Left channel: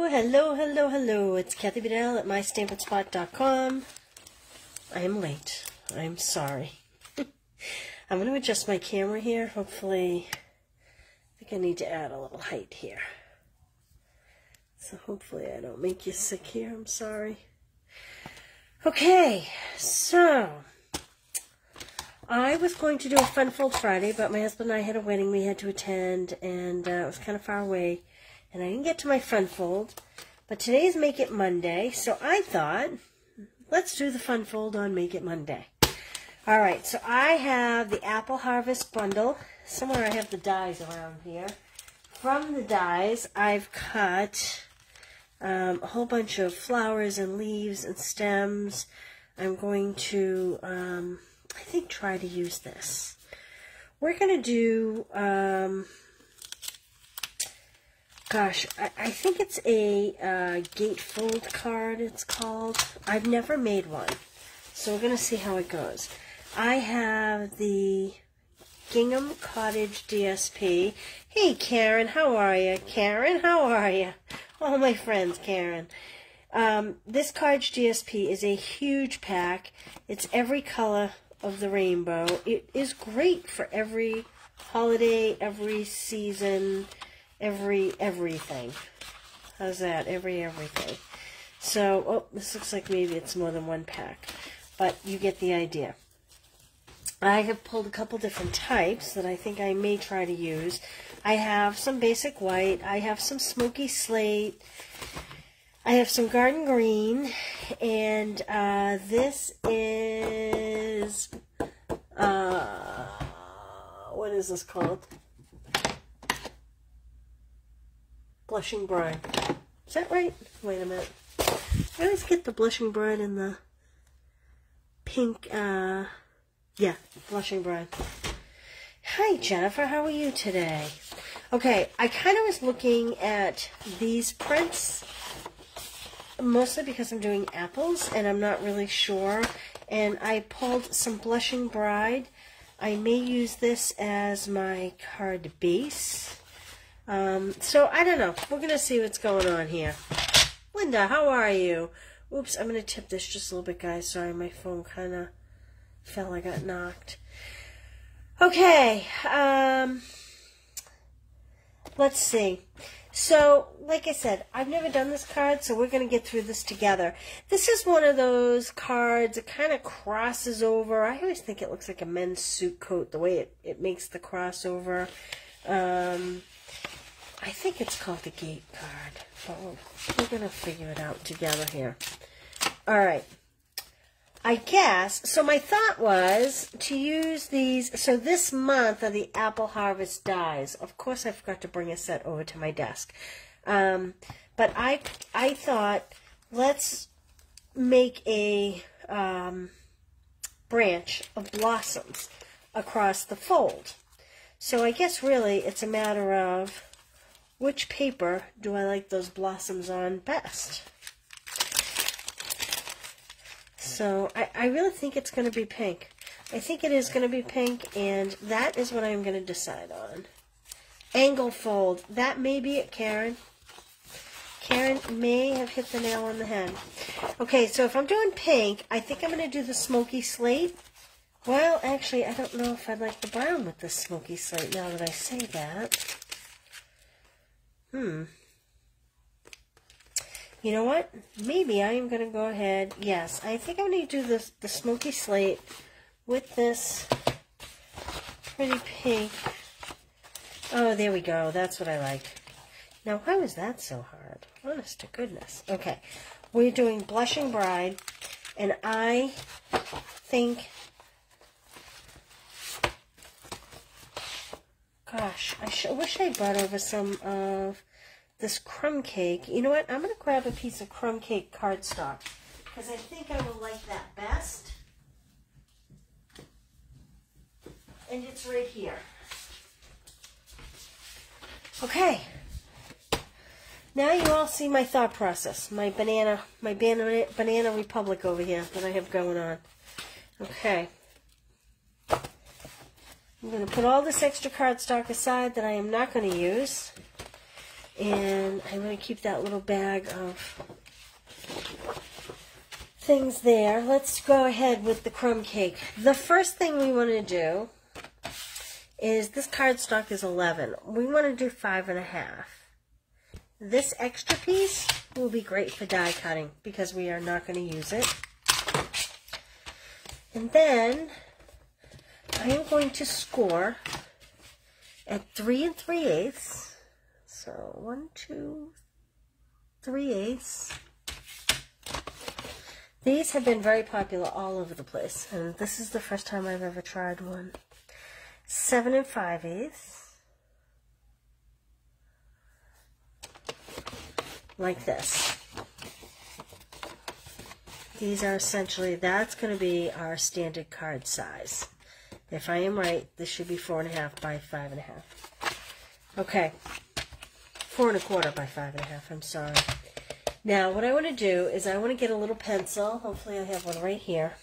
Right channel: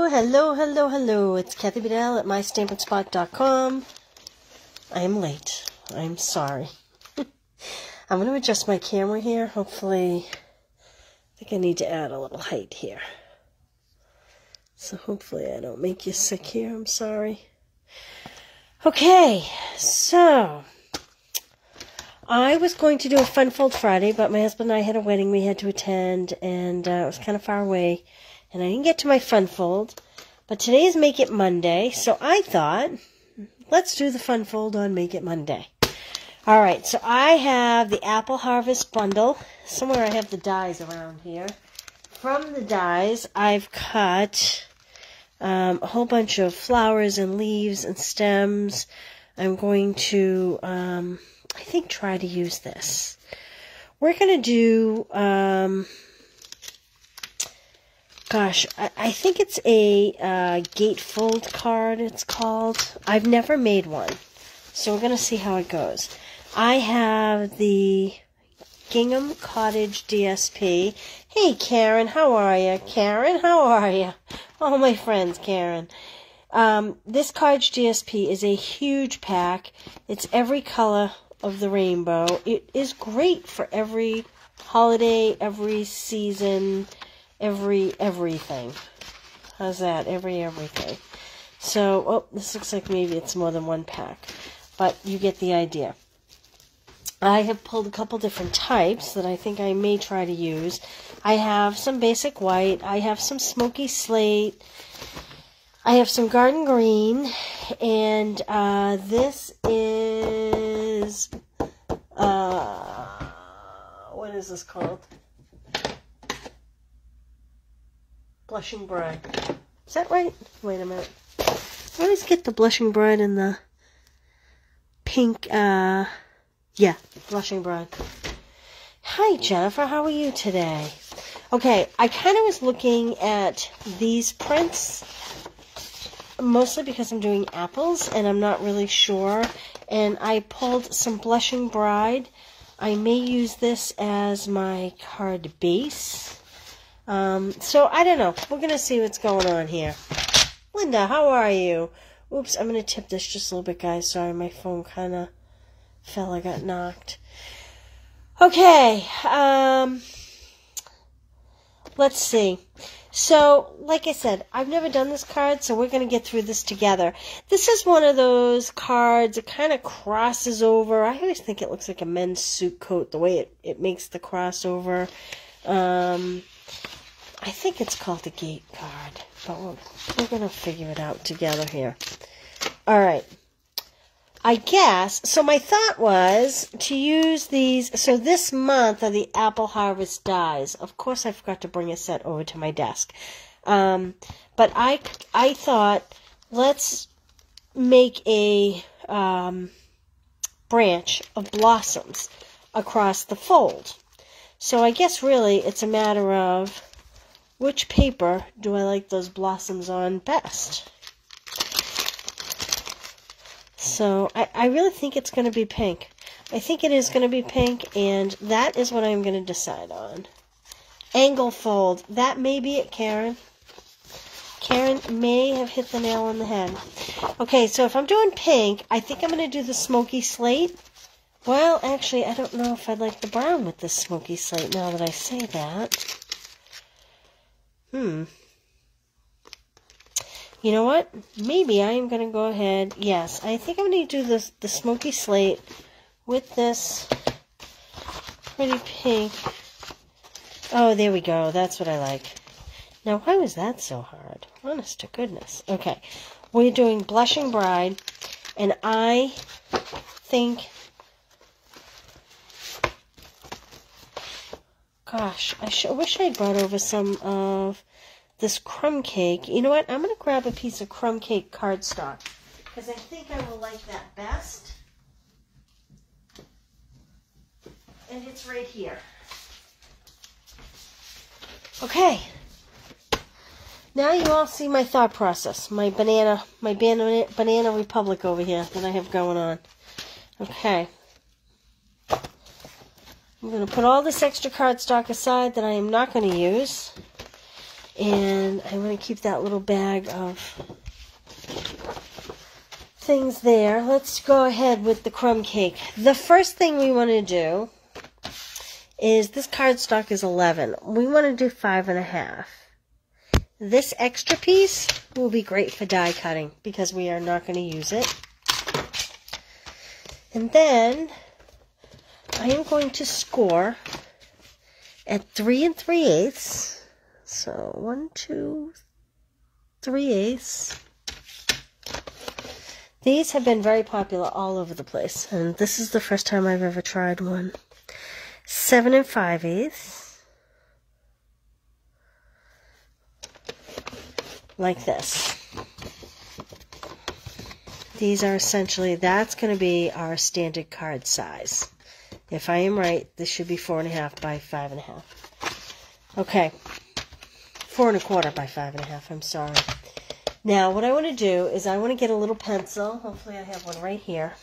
Hello, hello, hello. It's Kathy Bedell at mystampandspot.com. I'm late. I'm sorry. I'm going to adjust my camera here. Hopefully, I think I need to add a little height here. So hopefully I don't make you sick here. I'm sorry. Okay, so I was going to do a Fun Fold Friday, but my husband and I had a wedding we had to attend, and it was kind of far away. And I didn't get to my Fun Fold, but today is Make It Monday, so I thought, let's do the Fun Fold on Make It Monday. All right, so I have the Apple Harvest Bundle. Somewhere I have the dies around here. From the dies, I've cut a whole bunch of flowers and leaves and stems. I'm going to, I think, try to use this. We're going to do... Gosh, I think it's a Gatefold card, it's called. I've never made one, so we're going to see how it goes. I have the Gingham Cottage DSP. Hey, Karen, how are you? Karen, how are you? Oh, my friends, Karen. This Cottage DSP is a huge pack. It's every color of the rainbow. It is great for every holiday, every season, everything. How's that? Everything. So, oh, this looks like maybe it's more than one pack, but you get the idea. I have pulled a couple different types that I think I may try to use. I have some basic white. I have some smoky slate. I have some garden green, and this is what is this called? Blushing Bride. Is that right? Wait a minute. I always get the Blushing Bride and the pink, yeah, Blushing Bride. Hi, Jennifer. How are you today? Okay, I kind of was looking at these prints, mostly because I'm doing apples, and I'm not really sure. And I pulled some Blushing Bride. I may use this as my card base. So, I don't know. We're going to see what's going on here. Linda, how are you? Oops, I'm going to tip this just a little bit, guys. Sorry, my phone kind of fell. I got knocked. Okay, let's see. So, like I said, I've never done this card, so we're going to get through this together. This is one of those cards that kind of crosses over. I always think it looks like a men's suit coat, the way it makes the crossover. I think it's called the Gate card, but we're going to figure it out together here. All right. I guess, so my thought was to use these, so this month are the Apple Harvest dies. Of course, I forgot to bring a set over to my desk. But I thought, let's make a branch of blossoms across the fold. So I guess really it's a matter of which paper do I like those blossoms on best? So I really think it's going to be pink. I think it is going to be pink, and that is what I'm going to decide on. Angle fold. That may be it, Karen. Karen may have hit the nail on the head. Okay, so if I'm doing pink, I think I'm going to do the smoky slate. Well, actually, I don't know if I'd like the brown with the smoky slate now that I say that. You know what? Maybe I am going to go ahead. Yes, I think I'm going to do the smoky slate with this pretty pink. Oh, there we go. That's what I like. Now, why was that so hard? Honest to goodness. Okay, we're doing Blushing Bride, and I think... Gosh, I wish I'd brought over some of this crumb cake. You know what? I'm going to grab a piece of crumb cake cardstock because I think I will like that best. And it's right here. Okay. Now you all see my thought process. My banana republic over here that I have going on. Okay. I'm going to put all this extra cardstock aside that I am not going to use. And I'm going to keep that little bag of things there. Let's go ahead with the crumb cake. The first thing we want to do is, this cardstock is 11. We want to do 5.5. This extra piece will be great for die cutting because we are not going to use it. And then I am going to score at 3 3/8. So 1, 2, 3/8. These have been very popular all over the place, and this is the first time I've ever tried one. 7 5/8. Like this. These are essentially, that's going to be our standard card size. If I am right, this should be 4.5 by 5.5. Okay. 4 1/4 by 5.5, I'm sorry. Now, what I want to do is I want to get a little pencil. Hopefully I have one right here.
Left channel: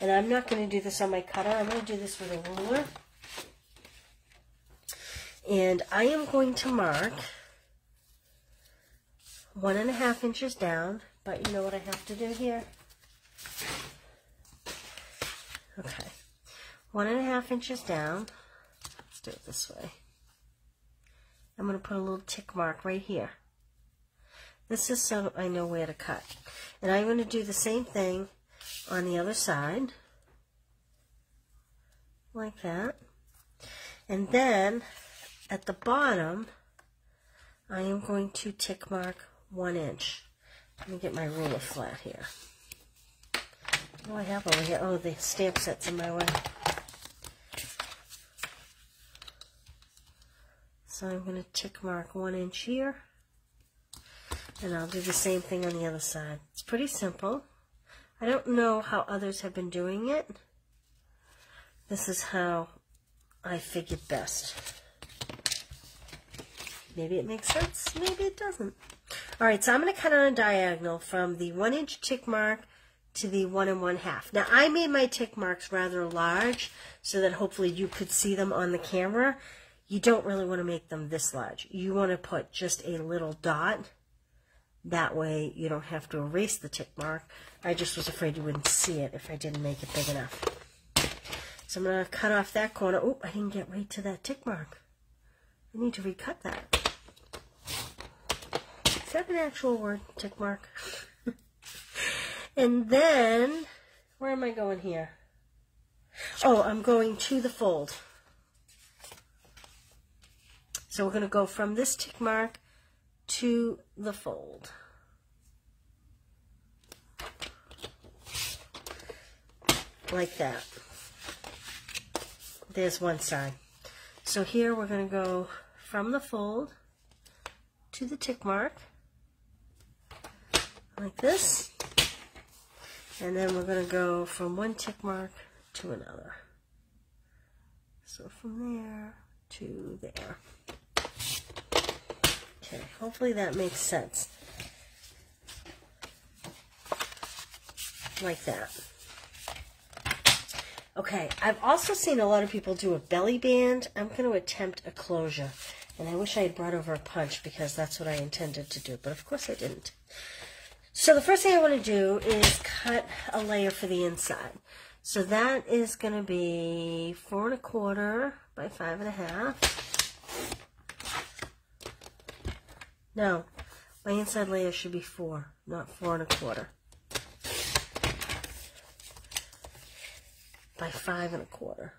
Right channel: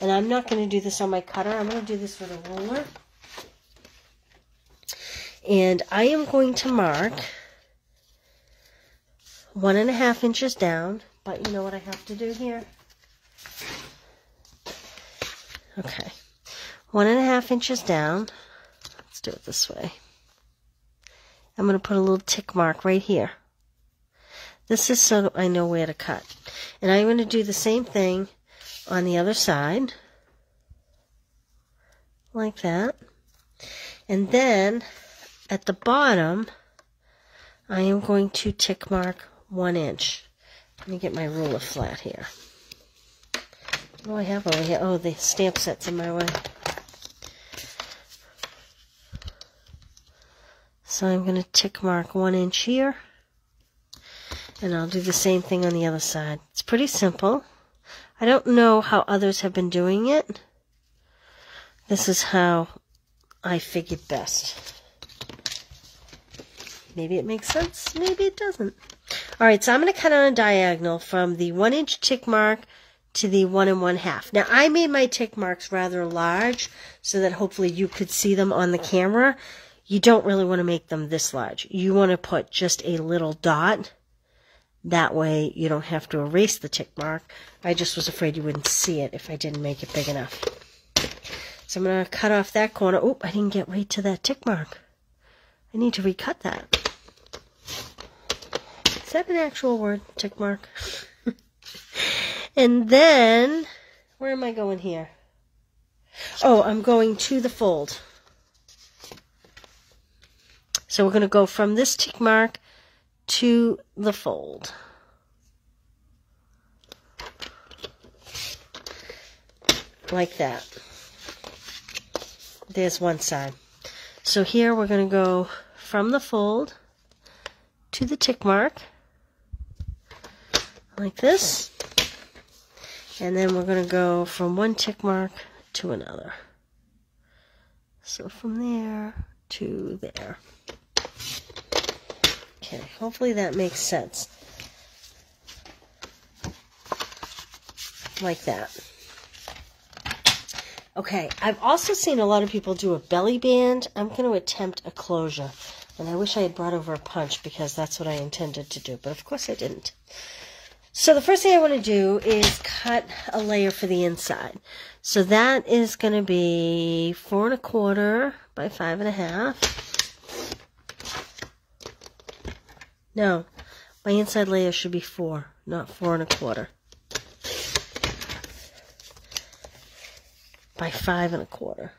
And I'm not going to do this on my cutter. I'm going to do this with a ruler. And I am going to mark 1.5 inches down. But you know what I have to do here? Okay. 1.5 inches down. Let's do it this way. I'm going to put a little tick mark right here. This is so I know where to cut. And I'm going to do the same thing on the other side. Like that. And then at the bottom, I am going to tick mark 1 inch. Let me get my ruler flat here. What do I have over here? Oh, the stamp set's in my way. So I'm going to tick mark 1 inch here. And I'll do the same thing on the other side. It's pretty simple. I don't know how others have been doing it. This is how I figured best. Maybe it makes sense, maybe it doesn't. Alright, so I'm going to cut on a diagonal from the 1 inch tick mark to the 1 1/2. Now, I made my tick marks rather large so that hopefully you could see them on the camera. You don't really want to make them this large. You want to put just a little dot. That way you don't have to erase the tick mark. I just was afraid you wouldn't see it if I didn't make it big enough. So I'm going to cut off that corner. Oh, I didn't get right to that tick mark. I need to recut that. Is that an actual word, tick mark? And then, where am I going here? Oh, I'm going to the fold. So we're going to go from this tick mark to the fold. Like that. There's one side. So here we're going to go from the fold to the tick mark. Like this. And then we're going to go from one tick mark to another. So from there to there. Okay, hopefully that makes sense. Like that. Okay, I've also seen a lot of people do a belly band. I'm going to attempt a closure. And I wish I had brought over a punch because that's what I intended to do. But of course I didn't. So the first thing I want to do is cut a layer for the inside. So that is going to be 4 1/4 by 5.5. No, my inside layer should be 4, not 4 1/4. By 5 1/4.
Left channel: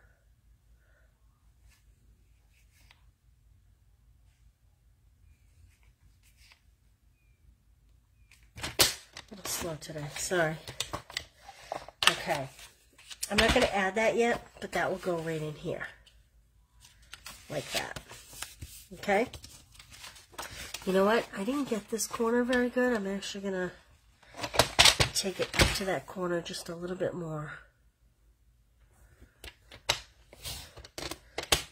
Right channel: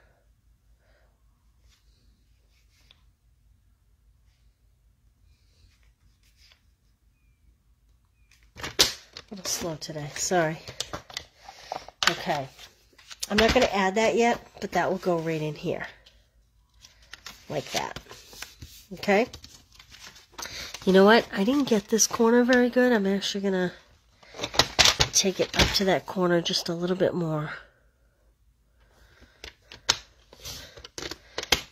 A little slow today, sorry. Okay, I'm not going to add that yet, but that will go right in here. Like that. Okay? You know what? I didn't get this corner very good. I'm actually going to take it up to that corner just a little bit more.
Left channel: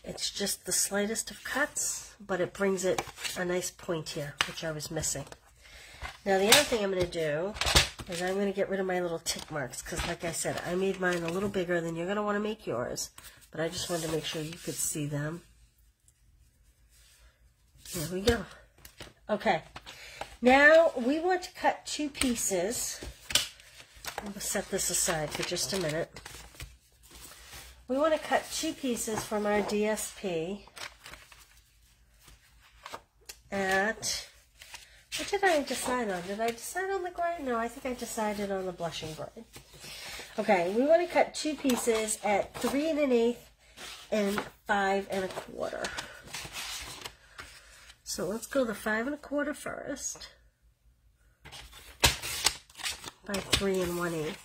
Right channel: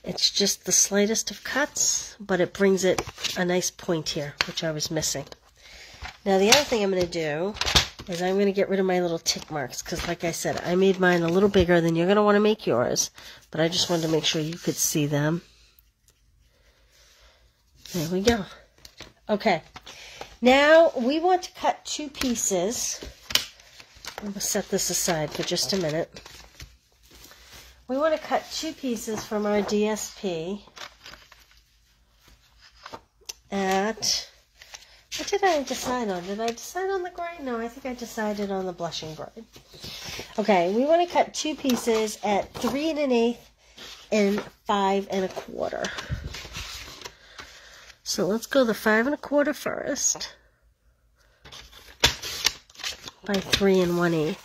It's just the slightest of cuts, but it brings it a nice point here, which I was missing. Now the other thing I'm going to do is I'm going to get rid of my little tick marks, because like I said, I made mine a little bigger than you're going to want to make yours, but I just wanted to make sure you could see them. There we go. Okay, now we want to cut 2 pieces. I'm going to set this aside for just a minute. We want to cut 2 pieces from our DSP at, what did I decide on? Did I decide on the gray? No, I think I decided on the blushing bride. Okay, we want to cut 2 pieces at 3 1/8 and 5 1/4. So let's go the 5 1/4 first by 3 1/8.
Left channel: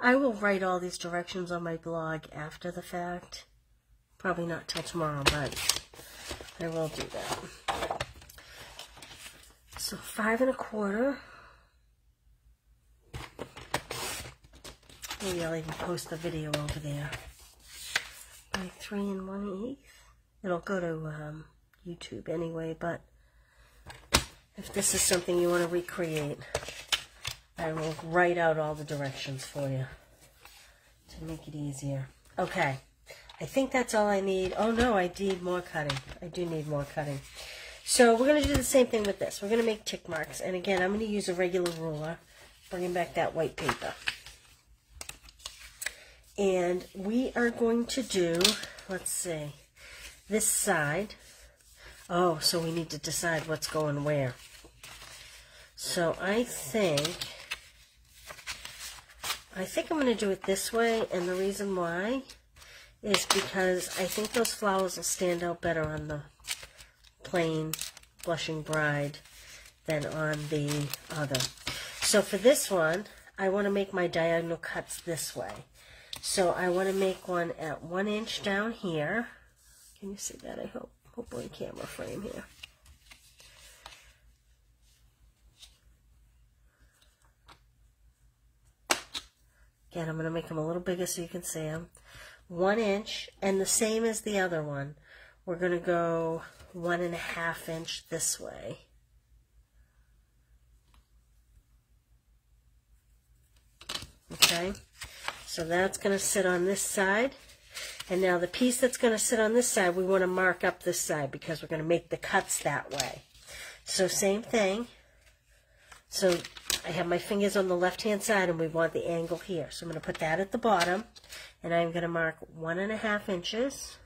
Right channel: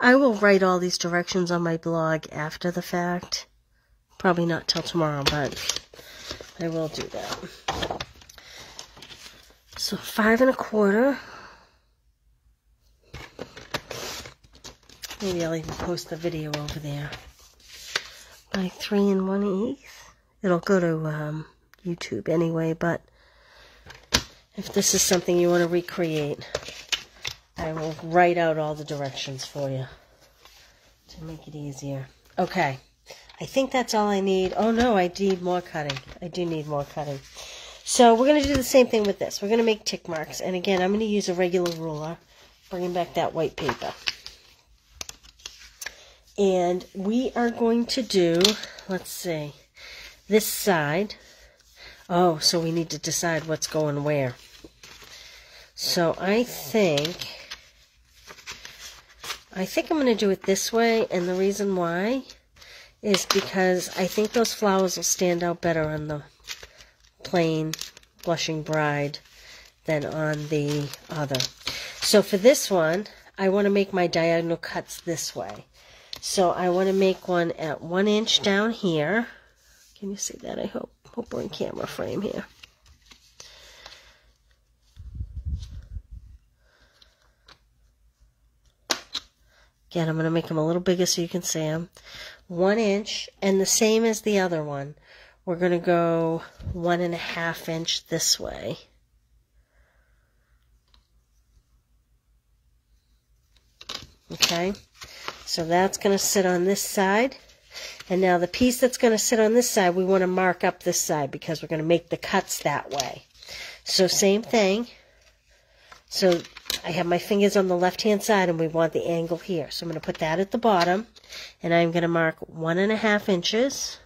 I will write all these directions on my blog after the fact. Probably not till tomorrow, but I will do that. So 5 1/4. Maybe I'll even post the video over there. By 3 1/8. It'll go to YouTube anyway, but if this is something you want to recreate, I will write out all the directions for you to make it easier. Okay, I think that's all I need. Oh no, I need more cutting. I do need more cutting. So we're going to do the same thing with this. We're going to make tick marks. And again, I'm going to use a regular ruler, bringing back that white paper. And we are going to do, let's see, this side. Oh, so we need to decide what's going where. So I think I'm going to do it this way, and the reason why is because I think those flowers will stand out better on the plain blushing bride than on the other. So for this one, I want to make my diagonal cuts this way. So I want to make one at 1 inch down here. Can you see that? I hope we're in camera frame here. Again, I'm going to make them a little bigger so you can see them. 1 inch, and the same as the other one. We're going to go 1 1/2 inch this way. Okay, so that's going to sit on this side. And now the piece that's going to sit on this side, we want to mark up this side because we're going to make the cuts that way. So same thing. So I have my fingers on the left-hand side, and we want the angle here. So I'm going to put that at the bottom, and I'm going to mark 1 1/2 inches,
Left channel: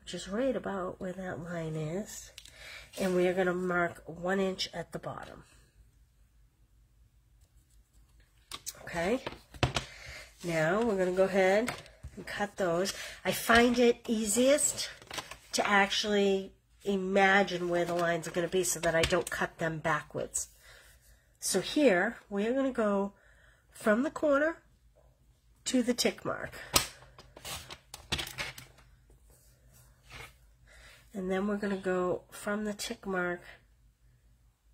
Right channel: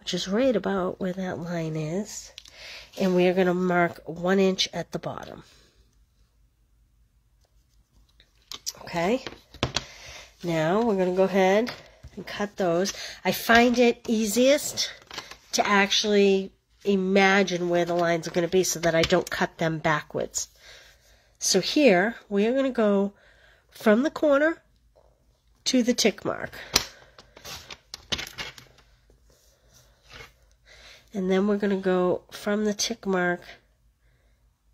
which is right about where that line is. And we are going to mark 1 inch at the bottom. Okay. Now we're going to go ahead and cut those. I find it easiest to actually imagine where the lines are going to be so that I don't cut them backwards. So here we are going to go from the corner to the tick mark. And then we're going to go from the tick mark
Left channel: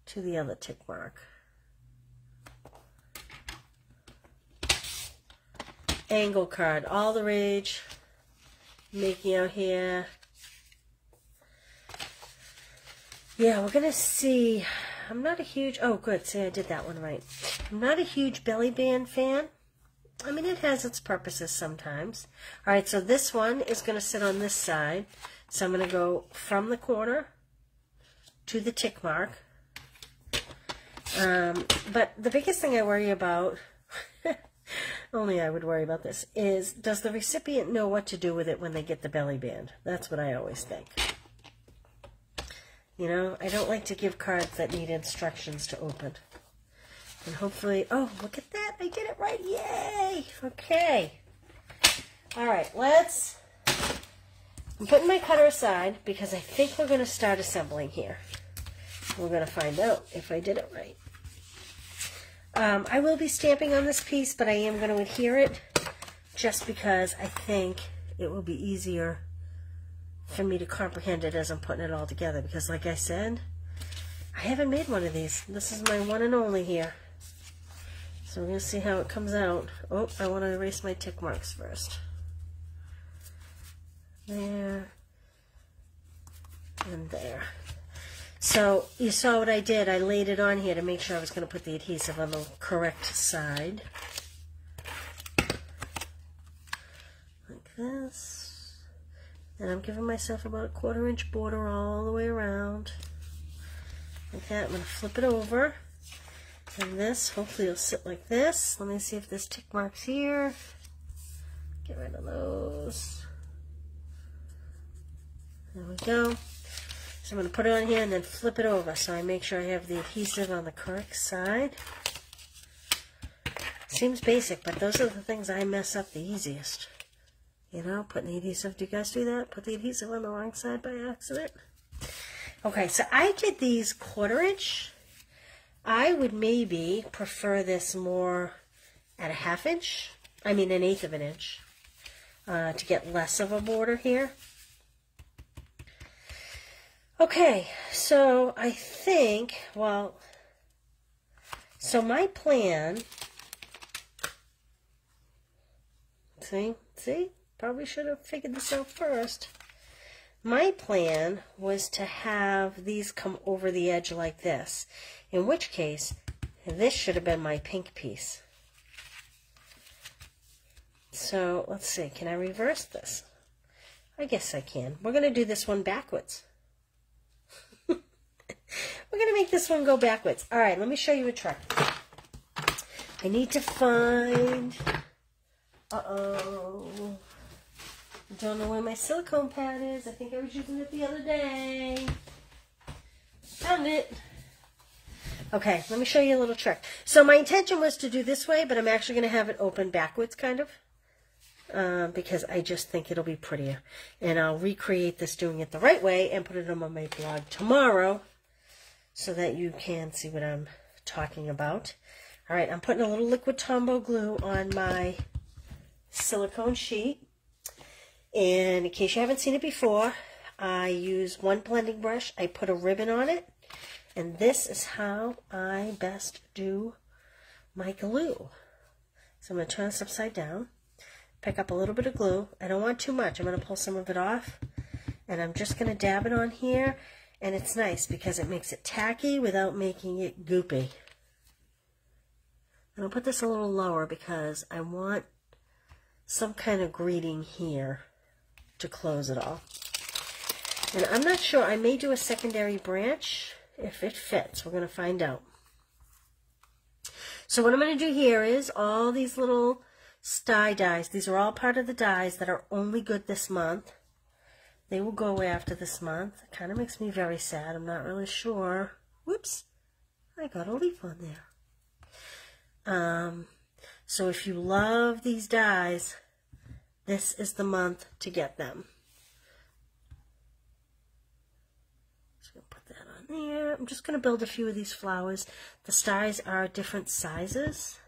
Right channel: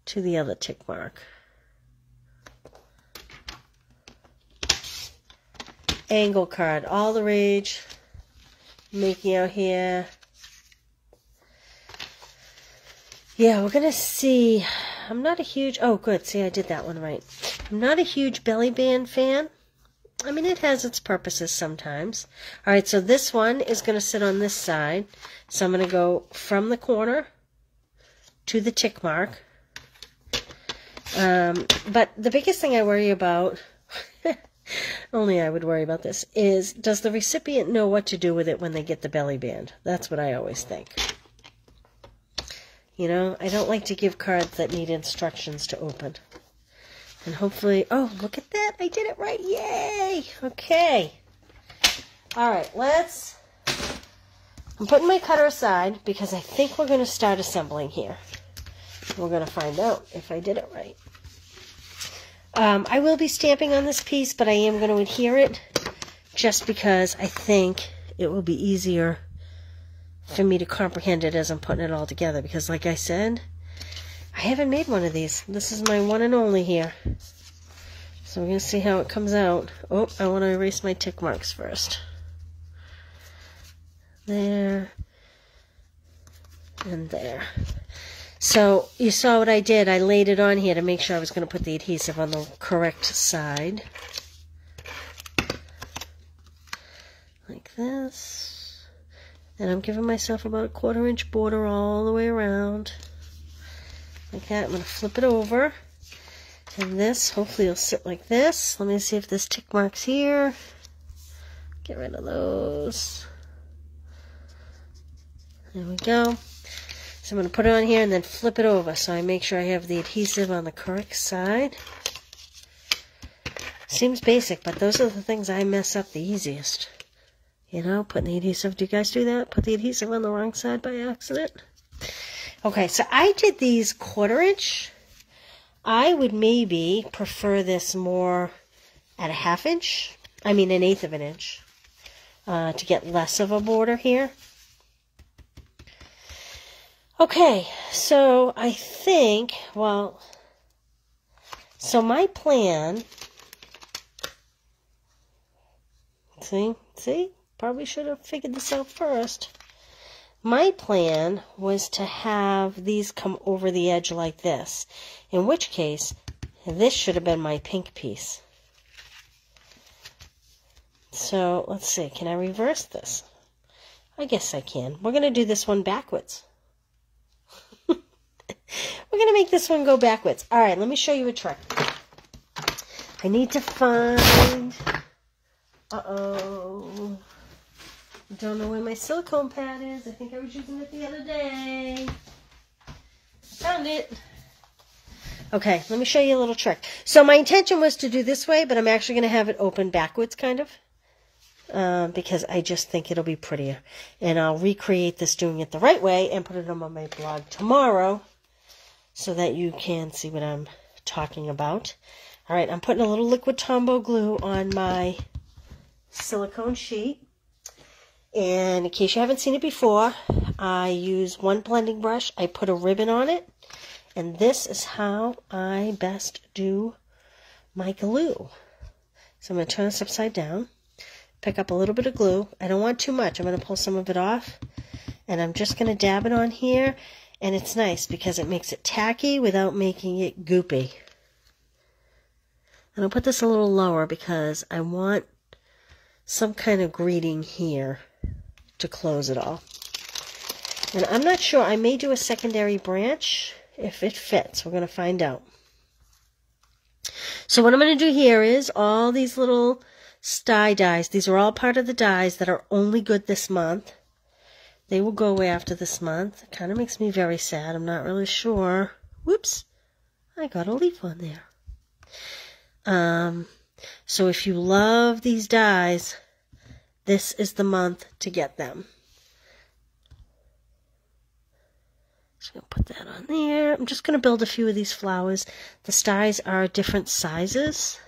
to the other tick mark. Angle card, all the rage. Making out here. Yeah, we're going to see. I'm not a huge, oh good, see I did that one right. I'm not a huge belly band fan. I mean, it has its purposes sometimes. Alright, so this one is going to sit on this side. So I'm going to go from the corner to the tick mark. But the biggest thing I worry about, only I would worry about this, is does the recipient know what to do with it when they get the belly band? That's what I always think. You know, I don't like to give cards that need instructions to open. And hopefully, oh, look at that. I did it right. Yay. Okay. All right, I'm putting my cutter aside because I think we're going to start assembling here. We're going to find out if I did it right. I will be stamping on this piece, but I am going to adhere it just because I think it will be easier for me to comprehend it as I'm putting it all together, because like I said, I haven't made one of these. This is my one and only here. So we're going to see how it comes out. Oh, I want to erase my tick marks first. There. And there. So you saw what I did. I laid it on here to make sure I was going to put the adhesive on the correct side. Like this. And I'm giving myself about a 1/4 inch border all the way around. like that. I'm going to flip it over. And this, hopefully it'll sit like this. Let me see if there's tick marks here. Get rid of those. There we go. So I'm going to put it on here and then flip it over so I make sure I have the adhesive on the correct side. Seems basic, but those are the things I mess up the easiest. You know, putting the adhesive. Do you guys do that? Put the adhesive on the wrong side by accident? Okay, so I did these 1/4 inch. I would maybe prefer this more at a 1/2 inch. I mean, 1/8 of an inch. To get less of a border here. Okay, so I think, well, so my plan, see, probably should have figured this out first. My plan was to have these come over the edge like this, in which case, this should have been my pink piece. So, let's see, can I reverse this? I guess I can. We're going to do this one backwards. We're going to make this one go backwards. All right, let me show you a trick. I need to find... Uh-oh. I don't know where my silicone pad is. I think I was using it the other day. Found it. Okay, let me show you a little trick. So my intention was to do this way, but I'm actually going to have it open backwards, kind of. Because I just think it'll be prettier. And I'll recreate this doing it the right way and put it on my blog tomorrow so that you can see what I'm talking about. All right, I'm putting a little liquid Tombow glue on my silicone sheet. And in case you haven't seen it before, I use one blending brush. I put a ribbon on it. And this is how I best do my glue. So I'm going to turn this upside down. Pick up a little bit of glue. I don't want too much. I'm going to pull some of it off. And I'm just going to dab it on here. And it's nice because it makes it tacky without making it goopy. And I'll put this a little lower because I want some kind of greeting here to close it all. And I'm not sure. I may do a secondary branch if it fits. We're going to find out. So what I'm going to do here is all these little sty dies. These are all part of the dies that are only good this month. They will go away after this month. It kind of makes me very sad. I'm not really sure. Whoops. I got a leaf on there. So if you love these dies, this is the month to get them. Just going to put that on there. I'm just going to build a few of these flowers. The dies are different sizes.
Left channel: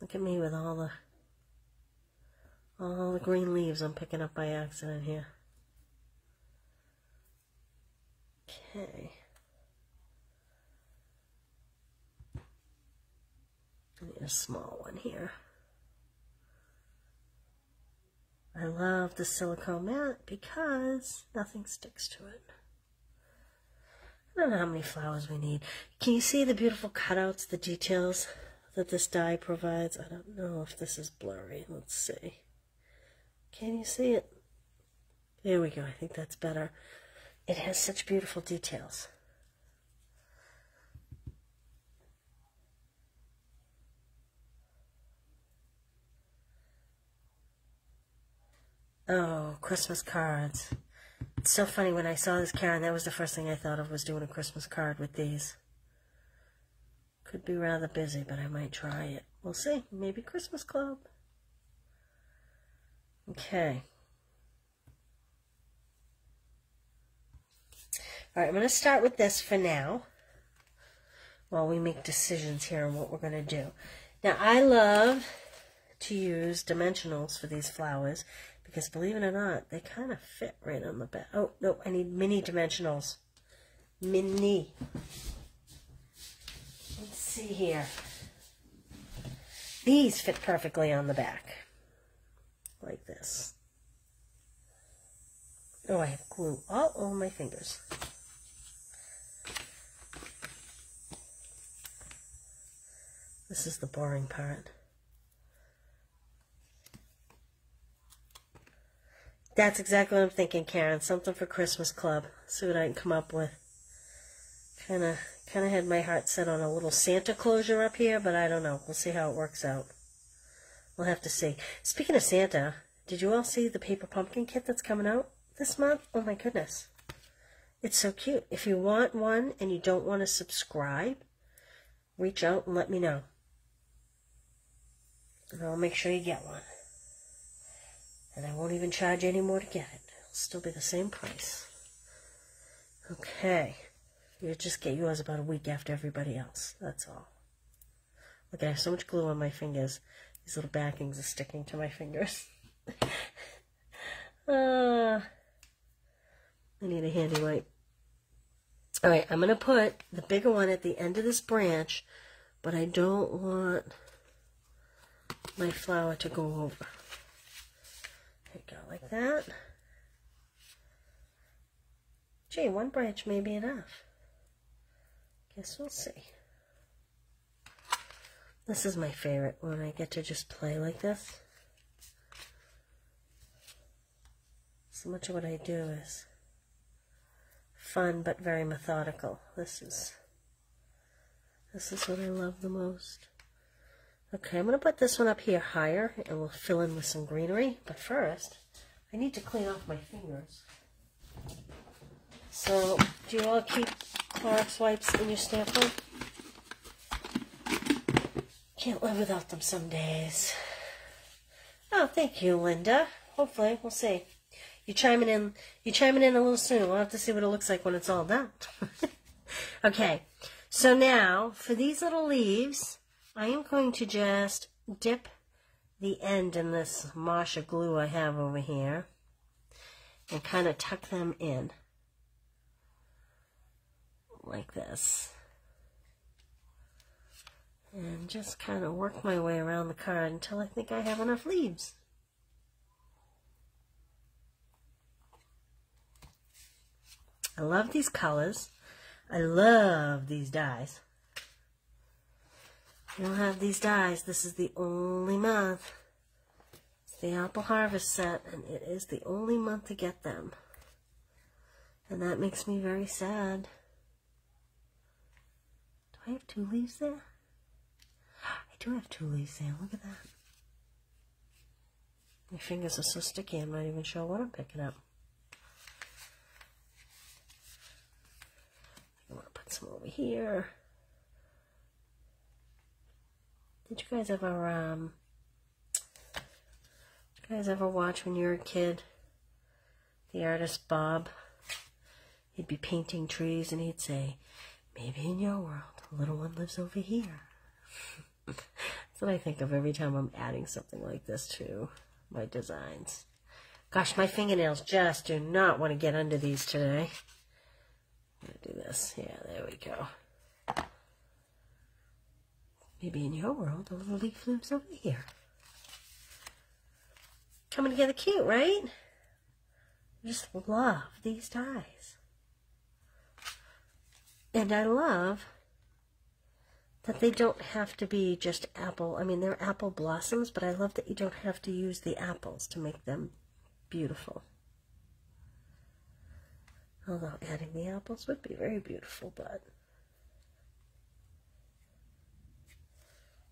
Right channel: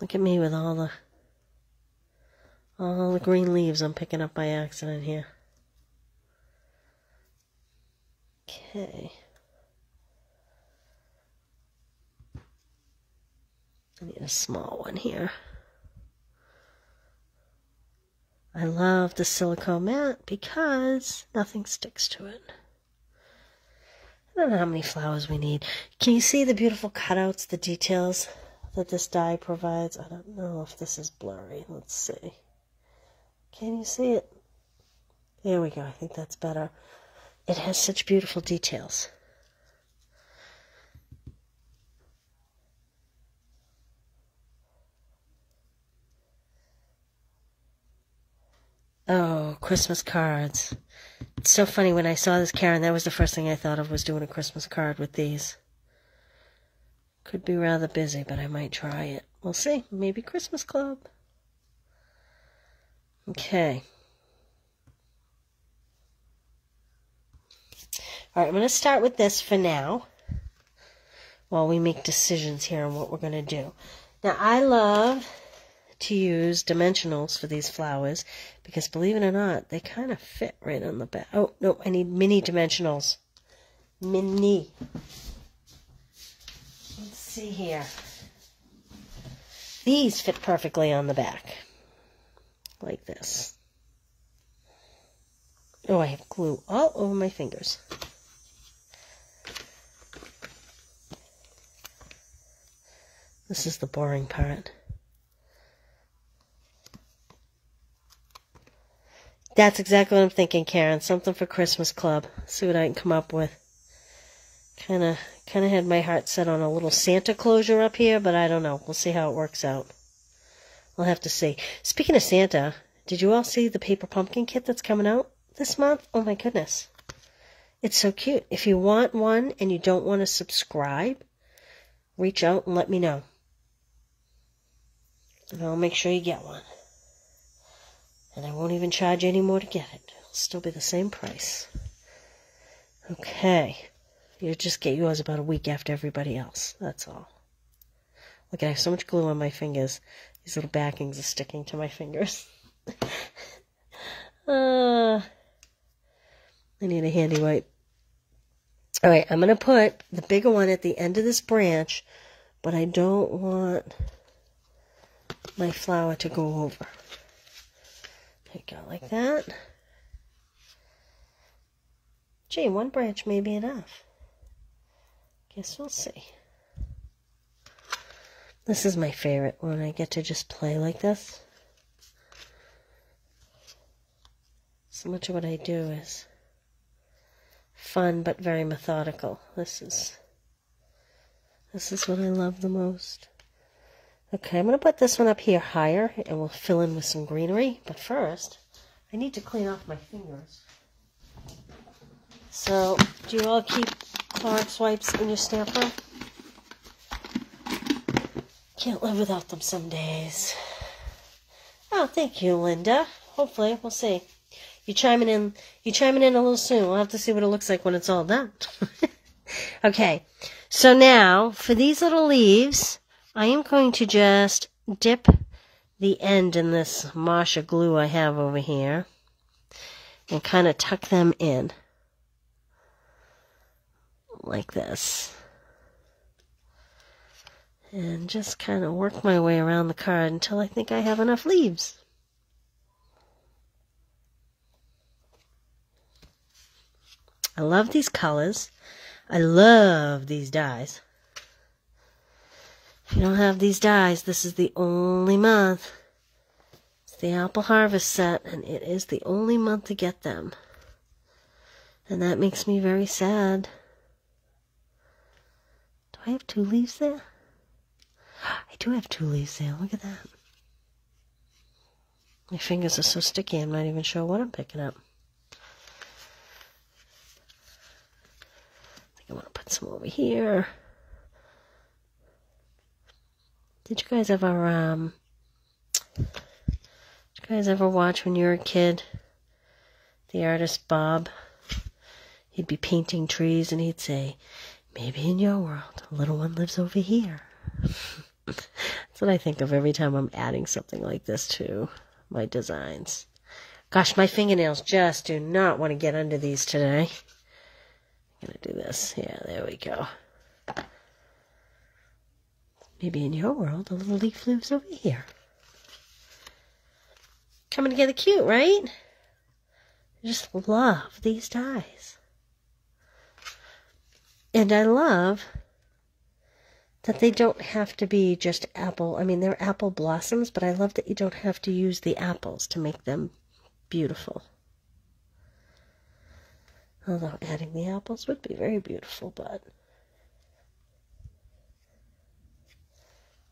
Look at me with all the green leaves I'm picking up by accident here. Okay. I need a small one here. I love the silicone mat because nothing sticks to it. I don't know how many flowers we need. Can you see the beautiful cutouts, the details that this die provides? I don't know if this is blurry. Let's see. Can you see it? There we go. I think that's better. It has such beautiful details. Oh, Christmas cards. It's so funny when I saw this, Karen, that was the first thing I thought of was doing a Christmas card with these. Could be rather busy, but I might try it. We'll see. Maybe Christmas Club. Okay. All right, I'm going to start with this for now while we make decisions here on what we're going to do. Now, I love to use dimensionals for these flowers because, believe it or not, they kind of fit right on the back. Oh, no, I need mini dimensionals. Mini. Let's see here. These fit perfectly on the back. Like this. Oh, I have glue all over my fingers. This is the boring part. That's exactly what I'm thinking, Karen. Something for Christmas Club. See what I can come up with. Kind of had my heart set on a little Santa closure up here, but I don't know. We'll see how it works out. We'll have to see. Speaking of Santa, did you all see the paper pumpkin kit that's coming out this month? Oh my goodness. It's so cute. If you want one and you don't want to subscribe, reach out and let me know. And I'll make sure you get one. And I won't even charge you any more to get it. It'll still be the same price. Okay. You'll just get yours about a week after everybody else. That's all. Look, I have so much glue on my fingers. These little backings are sticking to my fingers. I need a handy wipe. Alright, I'm going to put the bigger one at the end of this branch, but I don't want my flower to go over. There you go, like that. Gee, one branch may be enough. Guess we'll see. This is my favorite when I get to just play like this. So much of what I do is fun but very methodical. This is what I love the most. Okay, I'm going to put this one up here higher and we'll fill in with some greenery. But first, I need to clean off my fingers. So, do you all keep Clorox wipes in your stamp room? Can't live without them some days. Oh, thank you, Linda. Hopefully, we'll see. You're chiming in a little soon. We'll have to see what it looks like when it's all done. Okay, so now, for these little leaves, I am going to just dip the end in this Marsha glue I have over here and kind of tuck them in like this. And just kind of work my way around the card until I think I have enough leaves. I love these colors. I love these dies. If you don't have these dies, this is the only month. It's the Apple Harvest set, and it is the only month to get them. And that makes me very sad. Do I have 2 leaves there? I do have 2 leaves there. Look at that. My fingers are so sticky, I'm not even sure what I'm picking up. I think I want to put some over here. Did you guys ever watch when you were a kid? The artist Bob. He'd be painting trees and he'd say, "Maybe in your world, a little one lives over here." That's what I think of every time I'm adding something like this to my designs. Gosh, my fingernails just do not want to get under these today. I'm going to do this. Yeah, there we go. Maybe in your world, a little leaf lives over here. Coming together cute, right? I just love these dies. And I love that they don't have to be just apple. I mean, they're apple blossoms, but I love that you don't have to use the apples to make them beautiful. Although adding the apples would be very beautiful, but...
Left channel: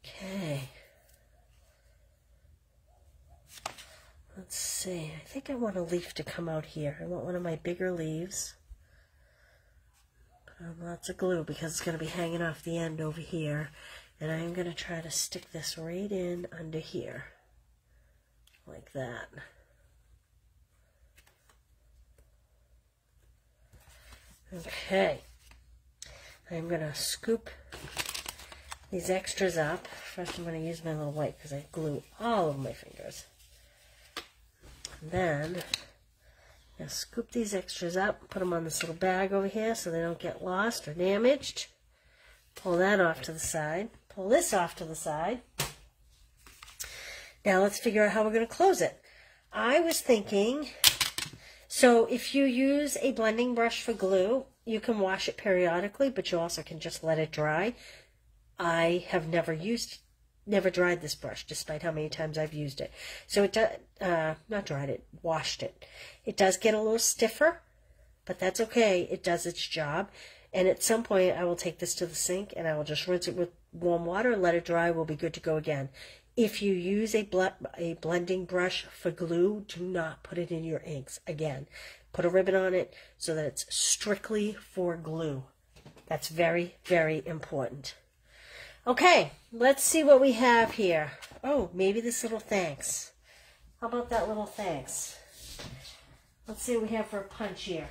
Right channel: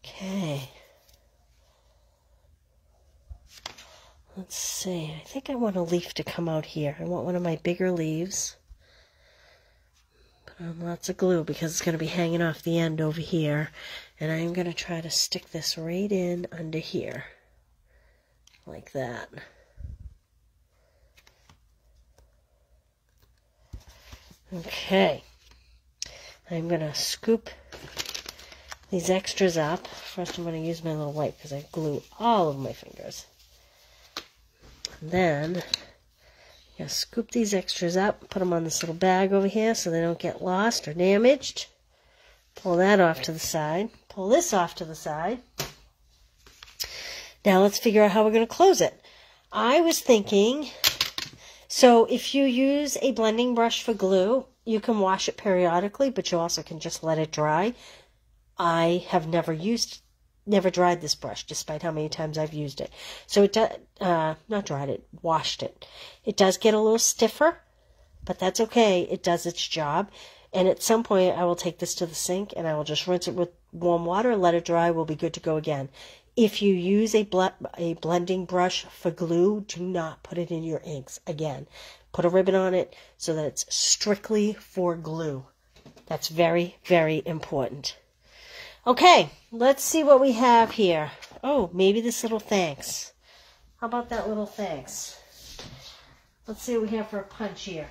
Okay. Let's see. I think I want a leaf to come out here. I want one of my bigger leaves. Put on lots of glue because it's going to be hanging off the end over here. And I'm going to try to stick this right in under here. Like that. Okay. I'm going to scoop these extras up. First I'm going to use my little wipe because I glue all over my fingers. And then I'm going to scoop these extras up, put them on this little bag over here so they don't get lost or damaged. Pull that off to the side. Pull this off to the side. Now let's figure out how we're going to close it. I was thinking, so if you use a blending brush for glue, you can wash it periodically, but you also can just let it dry. I have never dried this brush, despite how many times I've used it. So it does, not dried it, washed it. It does get a little stiffer, but that's okay. It does its job. And at some point, I will take this to the sink and I will just rinse it with warm water, let it dry, we'll be good to go again. If you use a blending brush for glue, do not put it in your inks. Again, put a ribbon on it so that it's strictly for glue. That's very, very important. Okay, let's see what we have here. Oh, maybe this little thanks. How about that little thanks? Let's see what we have for a punch here.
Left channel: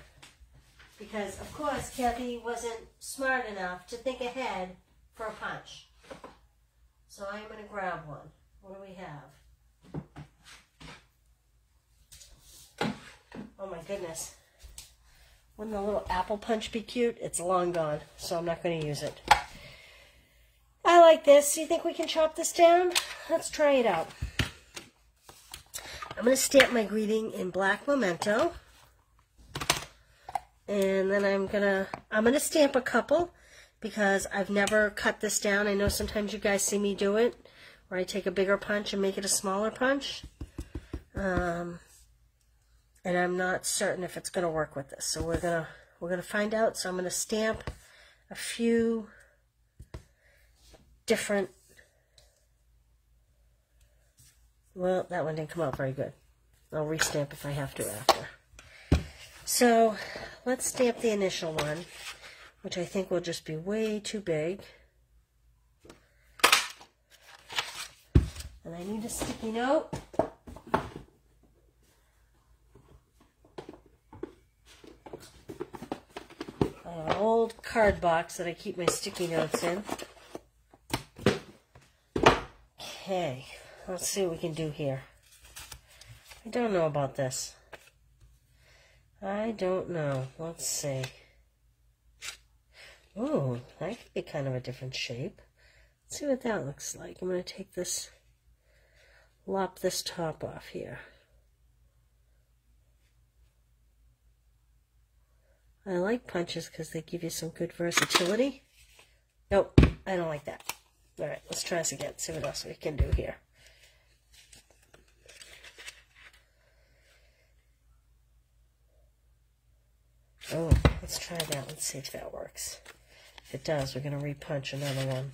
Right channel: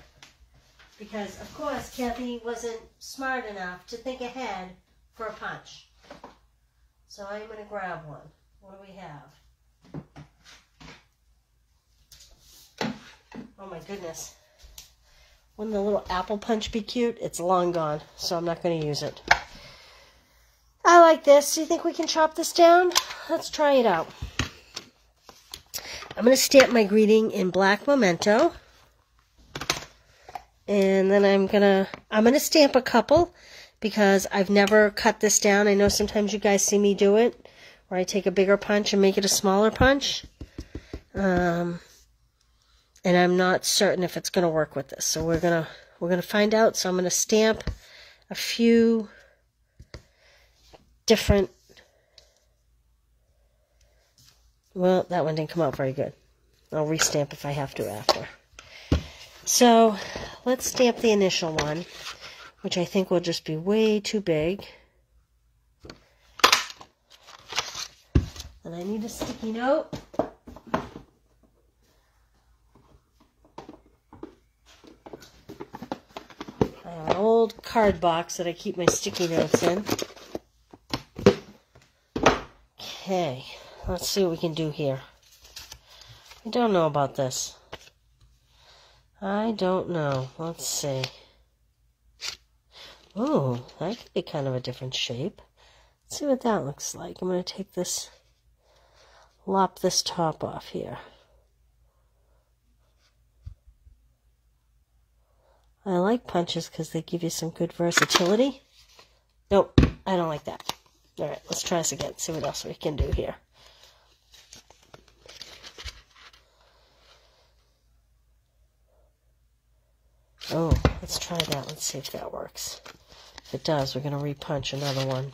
Because, of course, Kathy wasn't smart enough to think ahead for a punch. So I'm going to grab one. What do we have? Oh my goodness. Wouldn't the little apple punch be cute? It's long gone, so I'm not going to use it. I like this. Do you think we can chop this down? Let's try it out. I'm going to stamp my greeting in black memento. And then I'm gonna stamp a couple because I've never cut this down. I know sometimes you guys see me do it, where I take a bigger punch and make it a smaller punch. And I'm not certain if it's gonna work with this. So we're gonna find out. So I'm gonna stamp a few different. Well, that one didn't come out very good. I'll restamp if I have to after. So let's stamp the initial one, which I think will just be way too big. And I need a sticky note. I have an old card box that I keep my sticky notes in. Okay, let's see what we can do here. I don't know about this. I don't know. Let's see. Oh, that could be kind of a different shape. Let's see what that looks like. I'm going to take this, lop this top off here. I like punches because they give you some good versatility. Nope, I don't like that. All right, let's try this again. See what else we can do here. Oh, let's try that. Let's see if that works. If it does, we're going to repunch another one.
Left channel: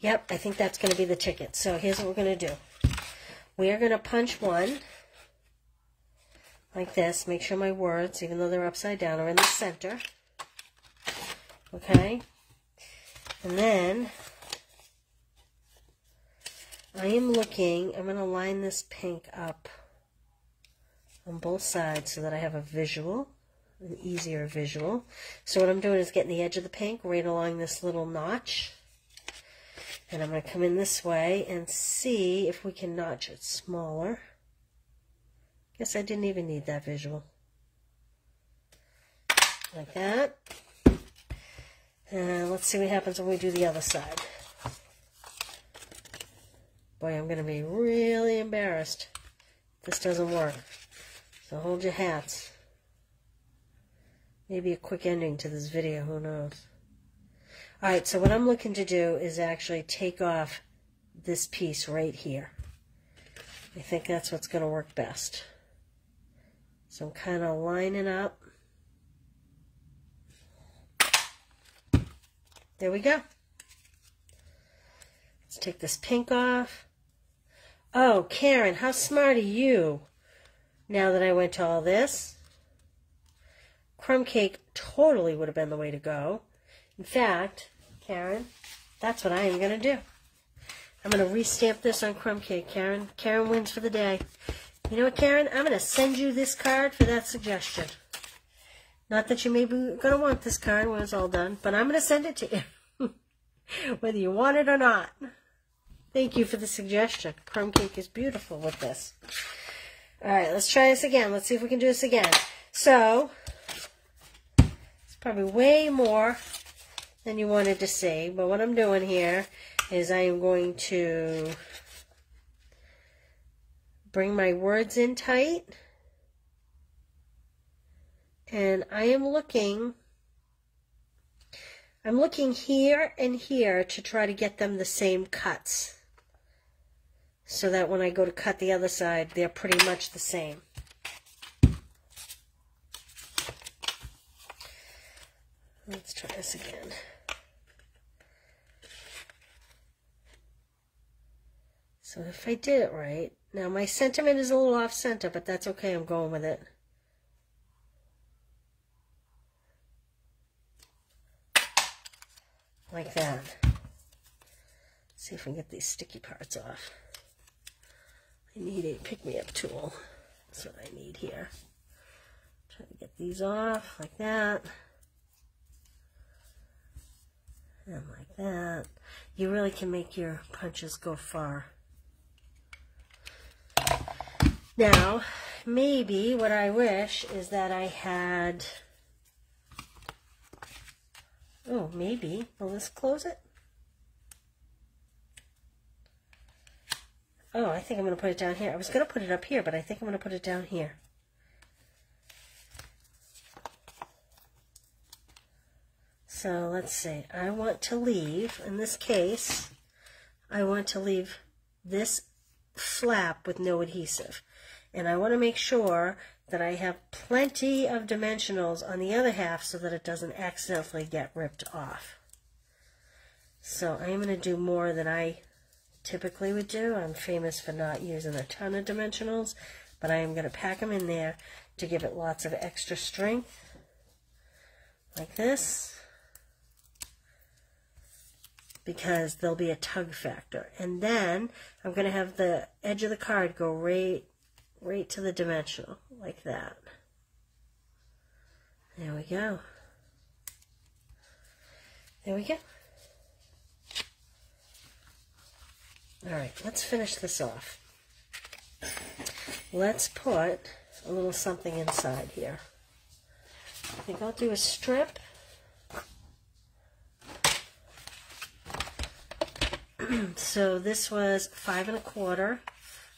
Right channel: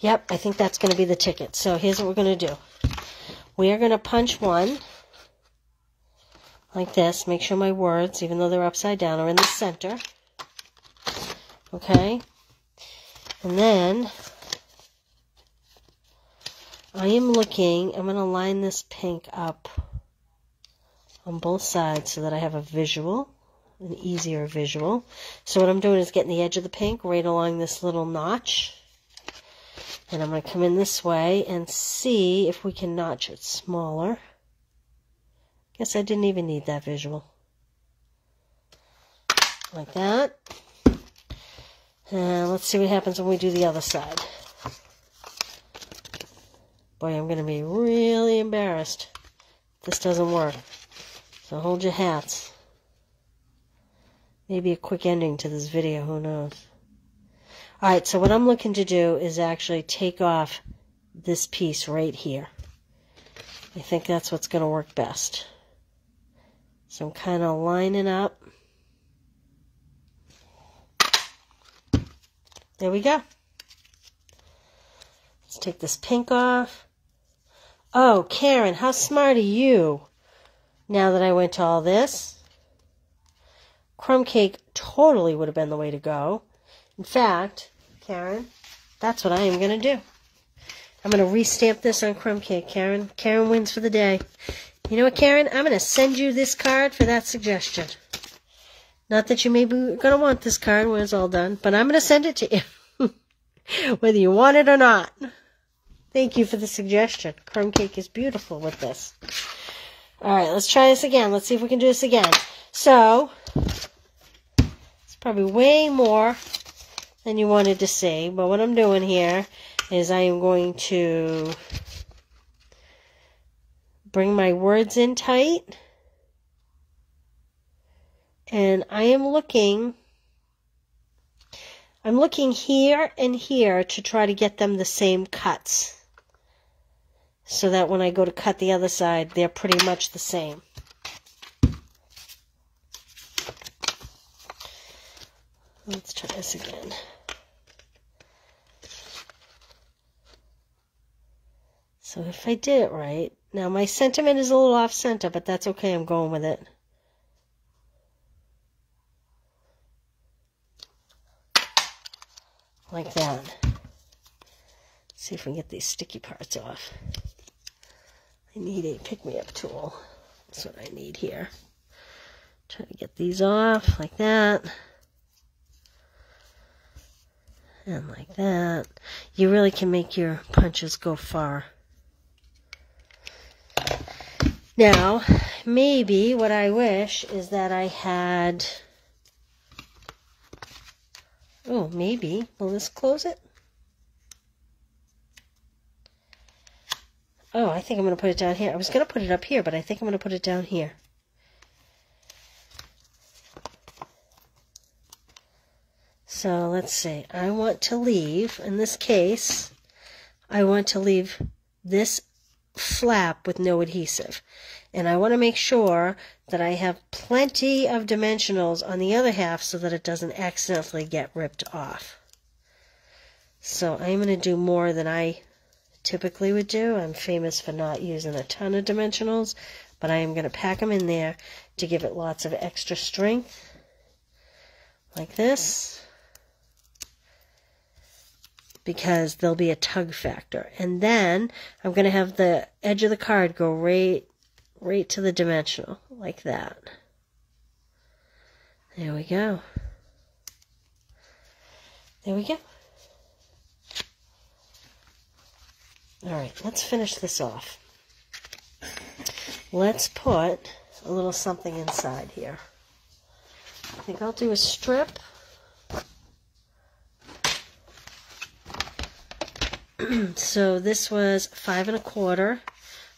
Yep, I think that's going to be the ticket. So here's what we're going to do. We are going to punch one like this. Make sure my words, even though they're upside down, are in the center. Okay? And then I am looking, I'm going to line this pink up on both sides so that I have a visual, an easier visual. So what I'm doing is getting the edge of the pink right along this little notch. And I'm going to come in this way and see if we can notch it smaller. Guess I didn't even need that visual. Like that. And let's see what happens when we do the other side. Boy, I'm going to be really embarrassed if this doesn't work. So hold your hats. Maybe a quick ending to this video, who knows. Alright, so what I'm looking to do is actually take off this piece right here. I think that's what's going to work best. So I'm kind of lining up. There we go. Let's take this pink off. Oh, Karen, how smart are you? Now that I went to all this. Crumb cake totally would have been the way to go. In fact, Karen, that's what I am going to do. I'm going to restamp this on crumb cake, Karen. Karen wins for the day. You know what, Karen? I'm going to send you this card for that suggestion. Not that you may be going to want this card when it's all done, but I'm going to send it to you. Whether you want it or not. Thank you for the suggestion. Crumb cake is beautiful with this. Alright, let's try this again. Let's see if we can do this again. So, it's probably way more than you wanted to see. But what I'm doing here is I am going to bring my words in tight. And I'm looking here and here to try to get them the same cuts. So that when I go to cut the other side, they're pretty much the same. Let's try this again. So if I did it right, now my sentiment is a little off center, but that's okay, I'm going with it. Like that. See if we can get these sticky parts off. I need a pick-me-up tool. That's what I need here. Try to get these off like that. And like that. You really can make your punches go far. Now, maybe what I wish is that I had... Oh, maybe. Will this close it? Oh, I think I'm going to put it down here. I was going to put it up here, but I think I'm going to put it down here. So let's see. I want to leave, in this case, I want to leave this flap with no adhesive. And I want to make sure that I have plenty of dimensionals on the other half so that it doesn't accidentally get ripped off. So I'm going to do more than I typically would do. I'm famous for not using a ton of dimensionals, but I am going to pack them in there to give it lots of extra strength. Like this. Because there'll be a tug factor. And then I'm going to have the edge of the card go right to the dimensional, like that. There we go. There we go. All right, let's finish this off. Let's put a little something inside here. I think I'll do a strip. So this was 5 1/4.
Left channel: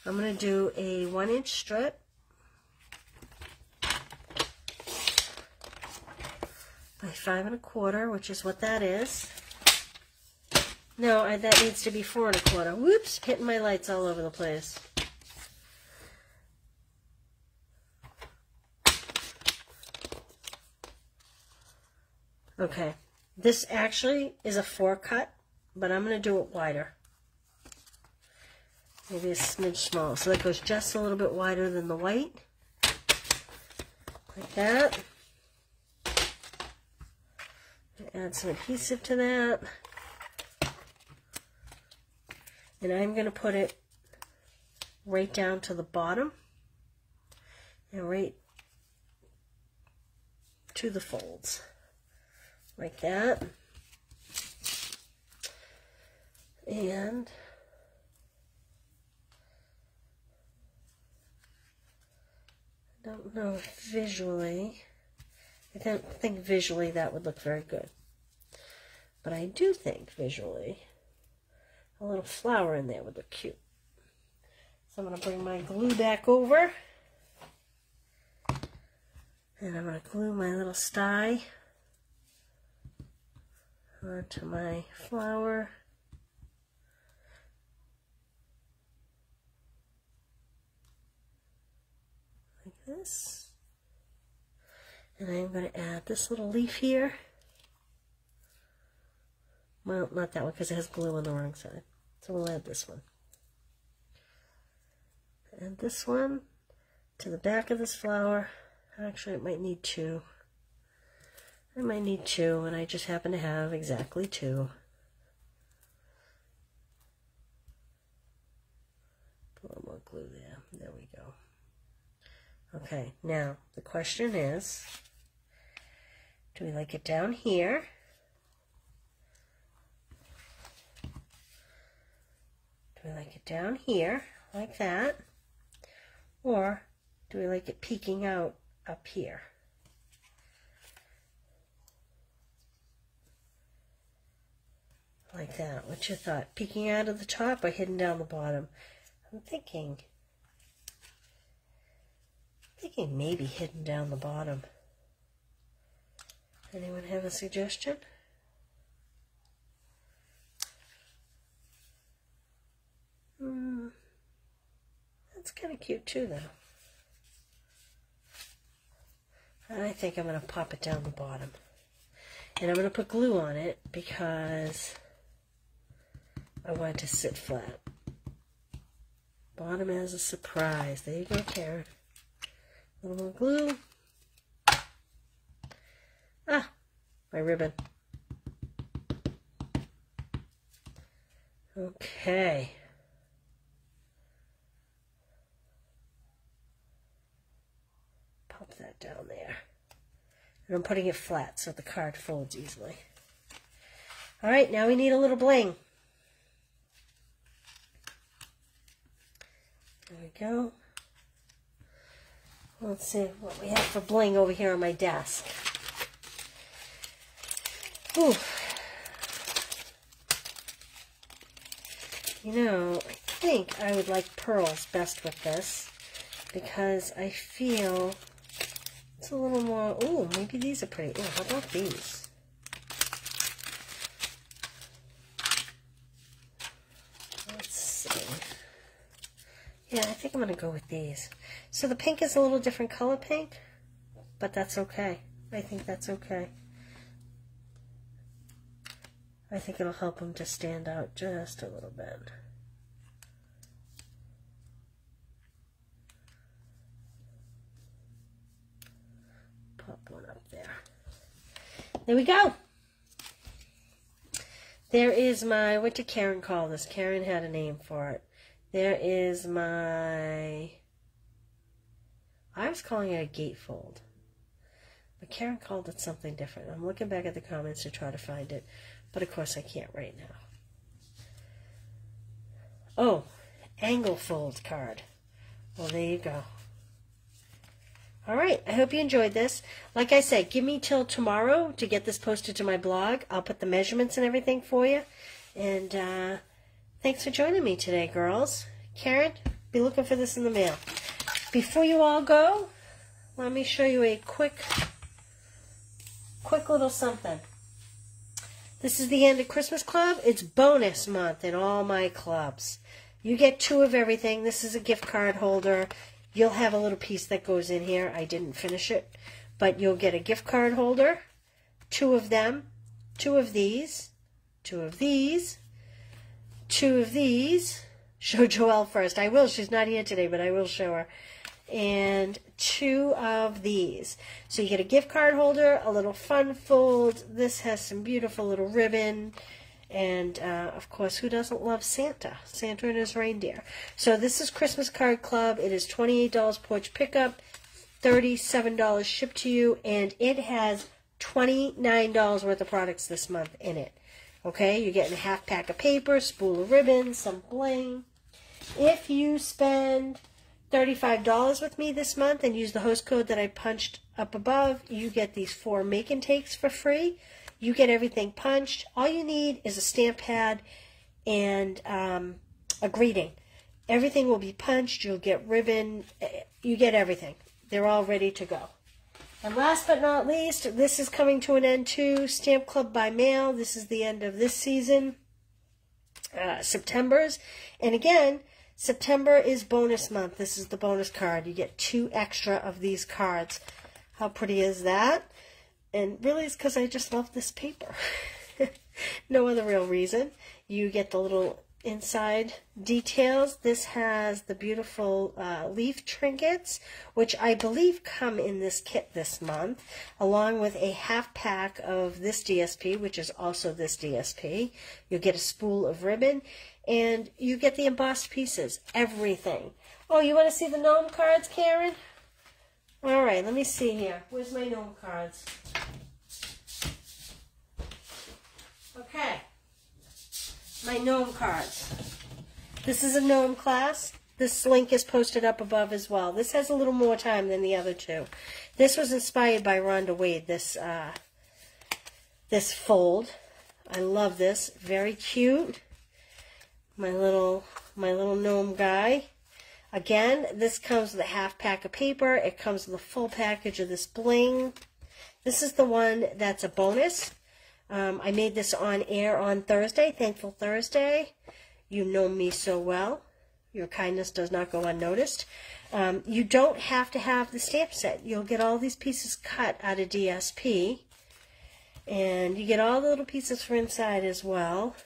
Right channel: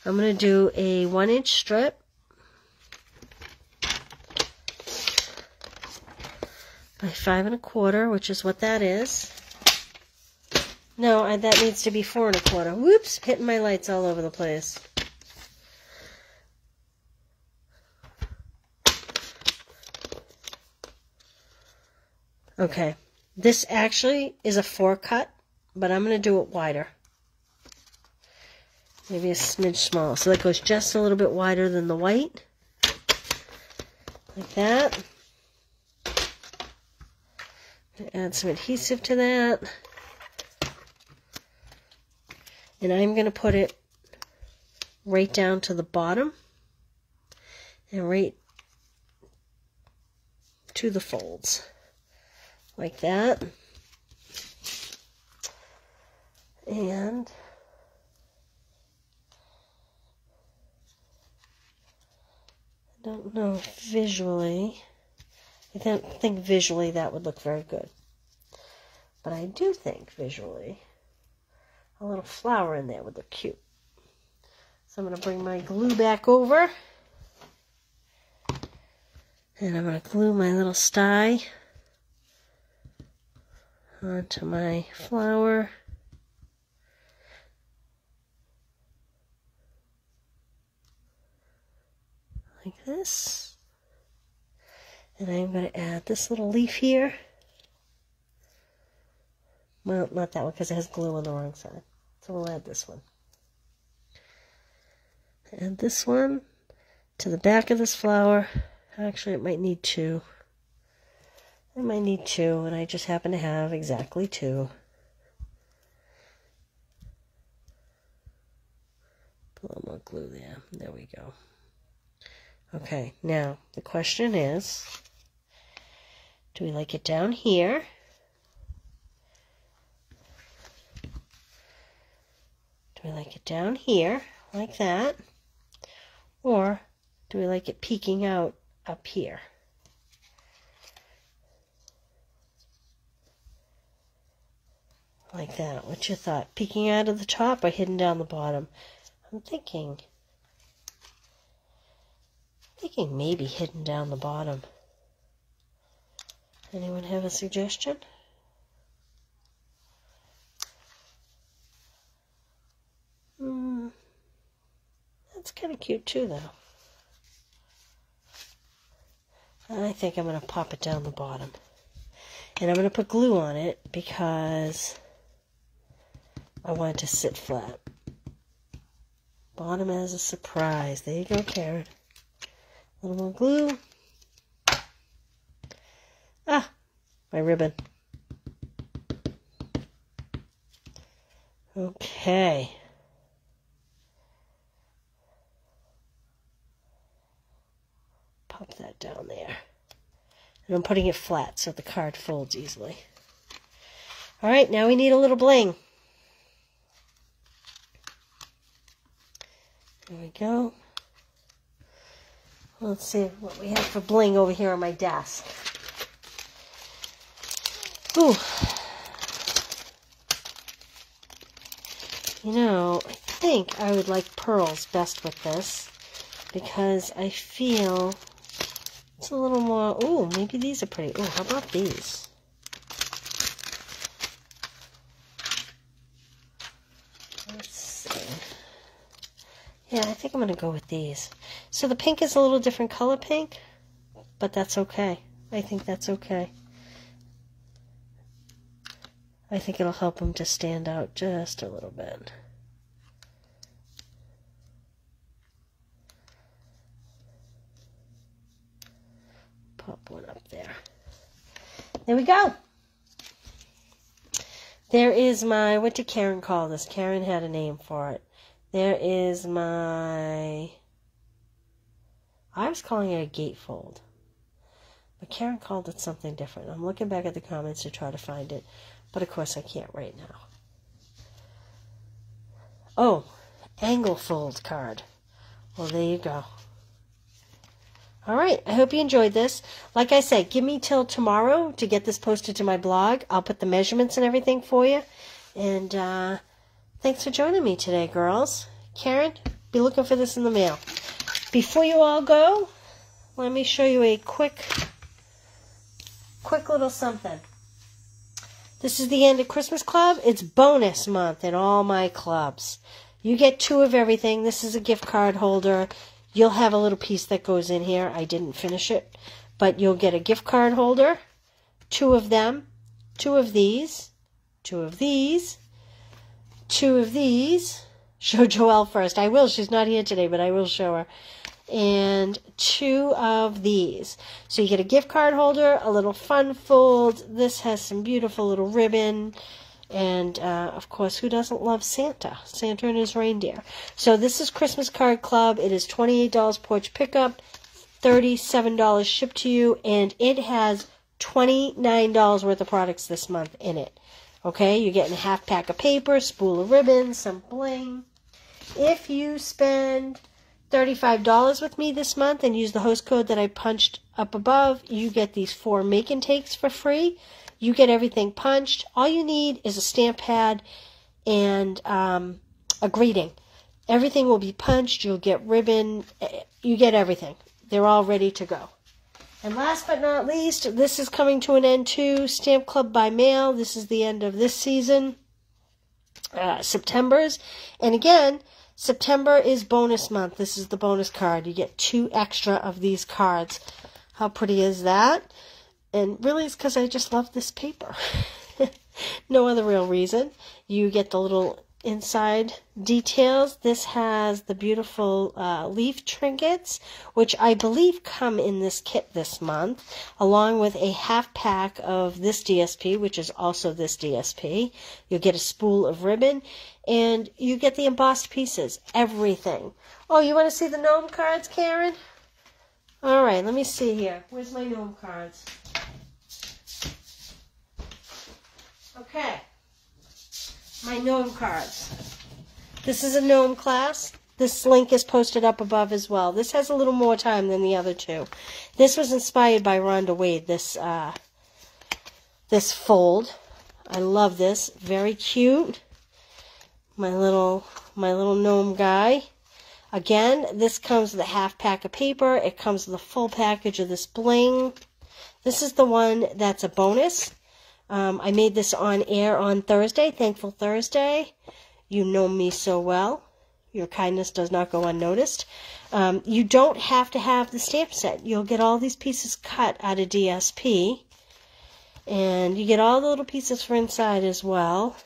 I'm going to do a 1-inch strip. By 5 1/4, which is what that is. No, that needs to be 4 1/4. Whoops, hitting my lights all over the place. Okay, this actually is a 4 cut, but I'm going to do it wider. Maybe a smidge smaller. So that goes just a little bit wider than the white. Like that. Add some adhesive to that. And I'm going to put it right down to the bottom. And right to the folds. Like that. And I don't know if visually, I don't think visually that would look very good. But I do think visually a little flower in there would look cute. So I'm going to bring my glue back over. And I'm going to glue my little sty onto my flower. Like this. And I'm going to add this little leaf here. Well, not that one because it has glue on the wrong side. So we'll add this one. Add this one to the back of this flower. Actually, it might need 2. I might need 2, and I just happen to have exactly 2. Put a little more glue there. There we go. Okay, now the question is, do we like it down here? Do we like it down here, like that? Or do we like it peeking out up here? Like that. What's your thought? Peeking out of the top or hidden down the bottom? I'm thinking maybe hidden down the bottom. Anyone have a suggestion? That's kind of cute too, though. I think I'm going to pop it down the bottom. And I'm going to put glue on it because I want it to sit flat. Bottom as a surprise. There you go, Karen. A little more glue. Ah, my ribbon. Okay. Pop that down there. And I'm putting it flat so the card folds easily. All right, now we need a little bling. There we go. Let's see what we have for bling over here on my desk. Ooh. You know, I think I would like pearls best with this because I feel it's a little more, ooh, maybe these are pretty. Ooh, how about these? Let's see. Yeah, I think I'm going to go with these. So the pink is a little different color pink, but that's okay. I think that's okay. I think it'll help them to stand out just a little bit. Pop one up there. There we go. There is my, what did Karen call this? Karen had a name for it. There is my, I was calling it a gatefold. But Karen called it something different. I'm looking back at the comments to try to find it. But of course I can't right now. Oh, angle fold card. Well, there you go. All right, I hope you enjoyed this. Like I said, give me till tomorrow to get this posted to my blog. I'll put the measurements and everything for you. And thanks for joining me today, girls. Karen, be looking for this in the mail. Before you all go, let me show you a quick little something. This is the end of Christmas Club. It's bonus month in all my clubs. You get 2 of everything. This is a gift card holder. You'll have a little piece that goes in here. I didn't finish it. But you'll get a gift card holder. 2 of them. 2 of these. 2 of these. 2 of these. Show Joelle first. I will. She's not here today, but I will show her. And 2 of these. So you get a gift card holder, a little fun fold. This has some beautiful little ribbon. And, of course, who doesn't love Santa? Santa and his reindeer. So this is Christmas Card Club. It is $28 porch pickup, $37 shipped to you, and it has $29 worth of products this month in it. Okay, you're getting a half pack of paper, spool of ribbon, some bling. If you spend $35 with me this month and use the host code that I punched up above, you get these 4 make and takes for free. You get everything punched. All you need is a stamp pad and a greeting. Everything will be punched. You'll get ribbon. You get everything. They're all ready to go. And last but not least, this is coming to an end too. Stamp Club by mail. This is the end of this season. September's. And again, September is bonus month. This is the bonus card. You get 2 extra of these cards. How pretty is that? And really it's because I just love this paper. No other real reason. You get the little inside details. This has the beautiful leaf trinkets, which I believe come in this kit this month, along with a half pack of this DSP, which is also this DSP. You'll get a spool of ribbon, and you get the embossed pieces, everything. Oh, you want to see the gnome cards, Karen? All right, let me see here. Where's my gnome cards? Okay, my gnome cards. This is a gnome class. This link is posted up above as well. This has a little more time than the other 2. This was inspired by Rhonda Wade, this fold. I love this. Very cute. My little gnome guy. Again, this comes with a half pack of paper. It comes with a full package of this bling. This is the one that's a bonus. I made this on air on Thursday, Thankful Thursday. You know me so well. Your kindness does not go unnoticed. You don't have to have the stamp set. You'll get all these pieces cut out of DSP. And you get all the little pieces for inside as well.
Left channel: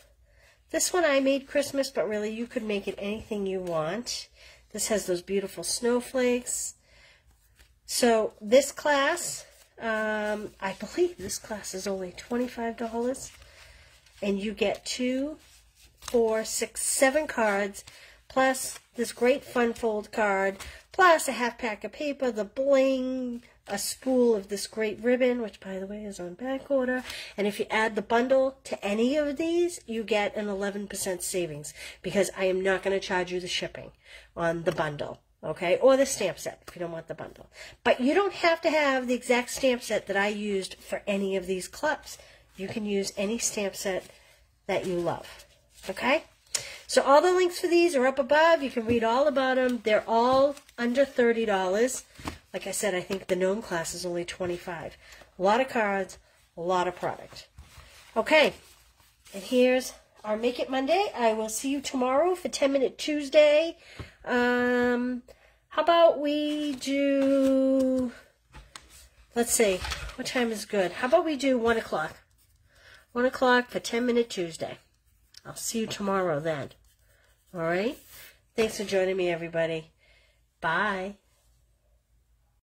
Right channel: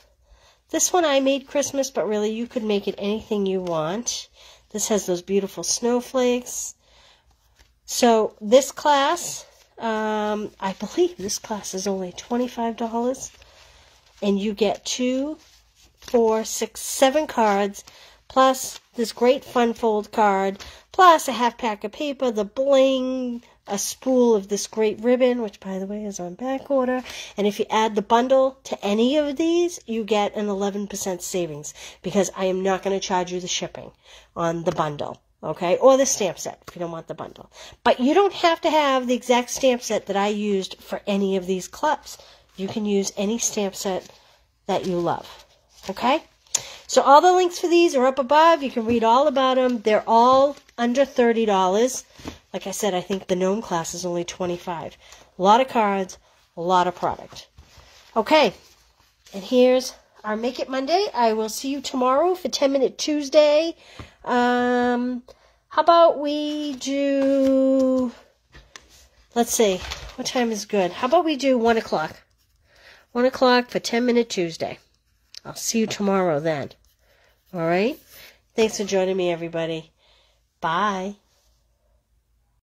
This one I made Christmas, but really you could make it anything you want. This has those beautiful snowflakes. So this class, I believe this class is only $25. And you get 2, 4, 6, 7 cards, plus this great fun fold card, plus a half pack of paper, the bling, a spool of this great ribbon, which by the way is on back order. And if you add the bundle to any of these, you get an 11% savings, because I am not going to charge you the shipping on the bundle, okay? Or the stamp set if you don't want the bundle. But you don't have to have the exact stamp set that I used for any of these clubs. You can use any stamp set that you love, okay? So all the links for these are up above. You can read all about them. They're all under $30. Like I said, I think the Gnome class is only $25. A lot of cards, a lot of product. Okay, and here's our Make It Monday. I will see you tomorrow for 10-Minute Tuesday. How about we do, let's see, what time is good? How about we do 1 o'clock? 1 o'clock for 10-Minute Tuesday. I'll see you tomorrow then. All right? Thanks for joining me, everybody. Bye.